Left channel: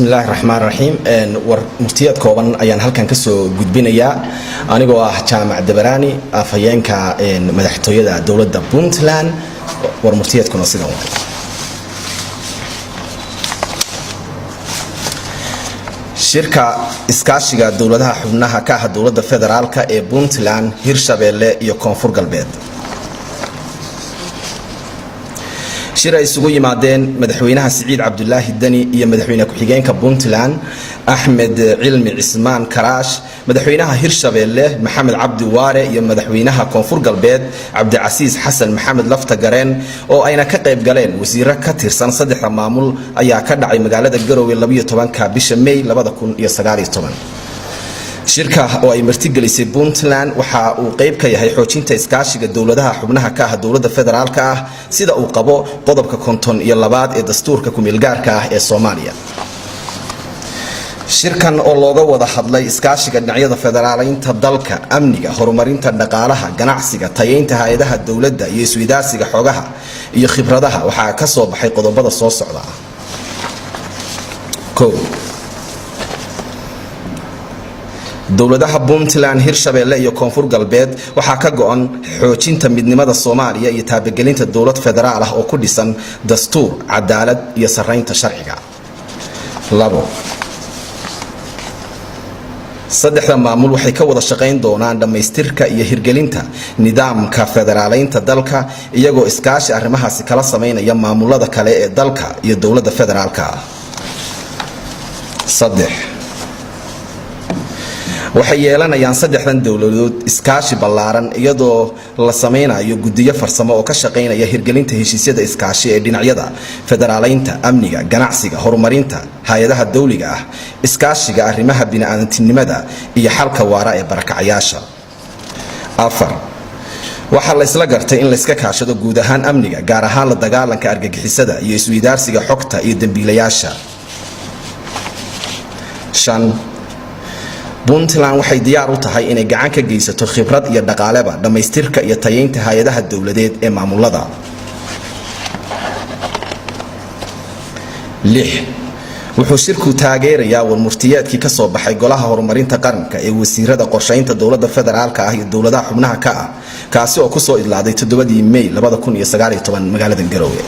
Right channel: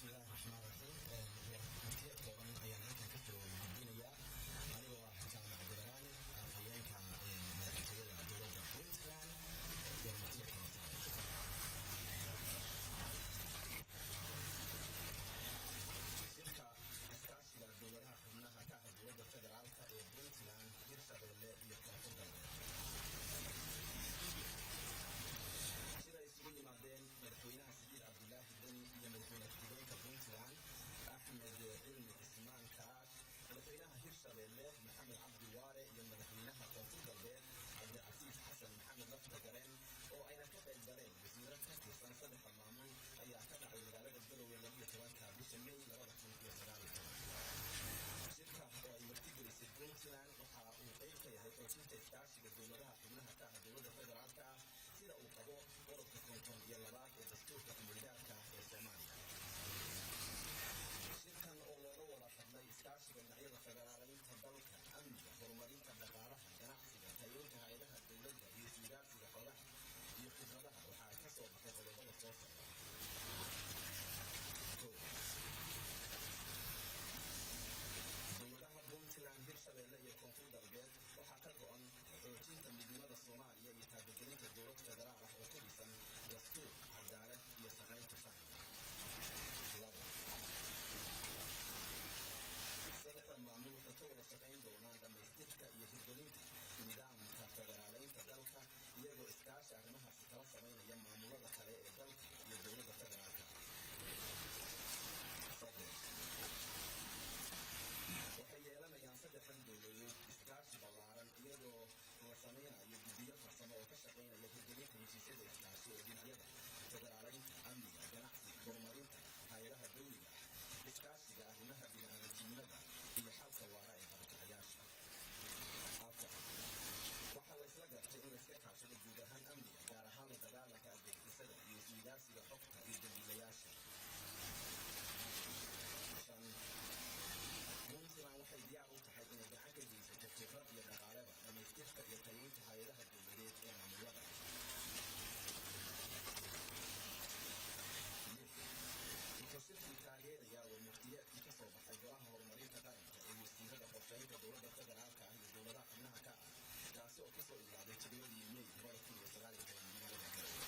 bismillahi raxmaan raxiim war murtiyad kooban ayaan halkan ka soo gudbinayaa anigoo ah jaamac dabaraani afhayeenka madaxtooyada dawladda Puntland war murtiyadkuna sidan waa shirka iskaashiga dawladaha xubnaha ka ah dawladda federaalka ee Puntland Hirshabelle iyo Koonfur Galbeed shir ay isugu yimaadeen madaxweynaha Siciid Cabdullaahi Dani iyo madaxweynaha ku-xigeenka Puntland Ahmed Cilmi Cismaan Karaash madaxweynaha Hirshabelle Maxamed Cabdi Waare iyo madaxweynaha Koonfur Galbeed Cabdicasiis Xasan Maxamed Lafta Gareen oo ayna ka qayb galeen wasiirro ka tirsan saddexda maamul ayaa ka dhacay magaalada Garowe 12 bisha May 2019 shirka oo ay martigelisay Puntland waxa uu qayb ka yahay xoojinta iskaashiga dawladaha xubnaha ka ah dawladda federaalka ah sida uu qabo qodobka 52 ee dastuurka ku-meelgaarka ah ee Soomaaliya shirkan oo looga wada hadlay iskaashiga dhinacyada federaaleynta dalka amniga horumarinta dhaqaalaha ganacsiga tayeynta hay'adaha dawladda iyo isweydaarsiga xogaha iyo khibradaha waxa ka soo baxay qodobada soo socda dawladaha Puntland Hirshabelle iyo Koonfur Galbeed waxa ka go'an xoojinta midnimada Soomaaliya iyo taabagelinta dawlad federaal ah oo ku dhisan dastuur cadaalad iyo sareynta sharciga saddexda maamul waxay ka wada shaqeyn doonaan dhameystirka iyo hirgelinta nidaamka federaaleynta dalka iyagoo iskaashi arrimahaasi kala sameynaya maamulada kale ee dalka iyo dawladda federaalka waxay yeelanayaan saddexdan dawladood iskaashi ballaaran iyadoo la sameynayo guddiyo farsamo oo ka shaqeynaya hirgelinta heshiisyada iskaashi ee dhinacyada federaaleynta amniga ganacsiga horumarinta hay'adaha dawliga ah iskaashiga arrimaha bini'aadantinimada iyo xalka waara ee barakacayaasha waxa la isla gartay in la iska kaashado guud ahaan amniga gaar ahaan la dagaalanka argagixisada iyo isweydaarsiga xogta iyo dambiilayaasha Puntland waxay diyaar u tahay inay gacan ka geysato khibrad iyo dhaqaaleba dhameystirka iyo tayeynta hay'adaha dawladeed ee maamulada wuxuu shirku taageerayaa warmurtiyeedkii ka soo baxay golaha horumarinta qaranka ee wasiirada qorsheynta dawladda federaalka ah iyo dawladaha xubnaha ka ah kaasi oo ku soo idlaaday 7 May 2019 magaalada Garowe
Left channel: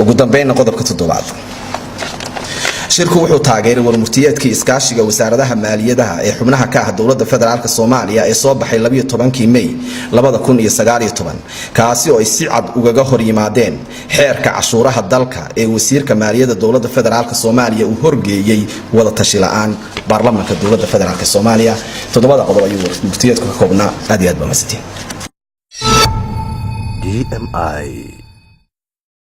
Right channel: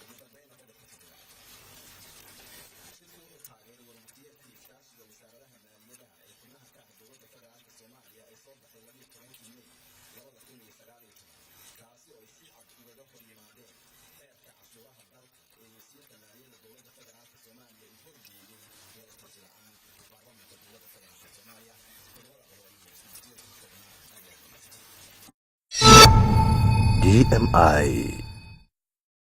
ugu dambeyn qodobka 7 shirku wuxuu taageeray warmurtiyeedkii iskaashiga wasaaradaha maaliyadaha ee xubnaha ka ah dawladda federaalka Soomaaliya ee soo baxay 12 May 2019 kaasi oo ay si cad uga hor yimaadeen xeerka cashuuraha dalka ee wasiirka maaliyadda dawladda federaalka Soomaaliya uu horgeeyay wada tashi la'aan baarlamaanka dawladda federaalka Soomaaliya todobada qodob ayuu warmurtiyeedku ka koobnaa aad iyo aad ba mahadsantiin DMI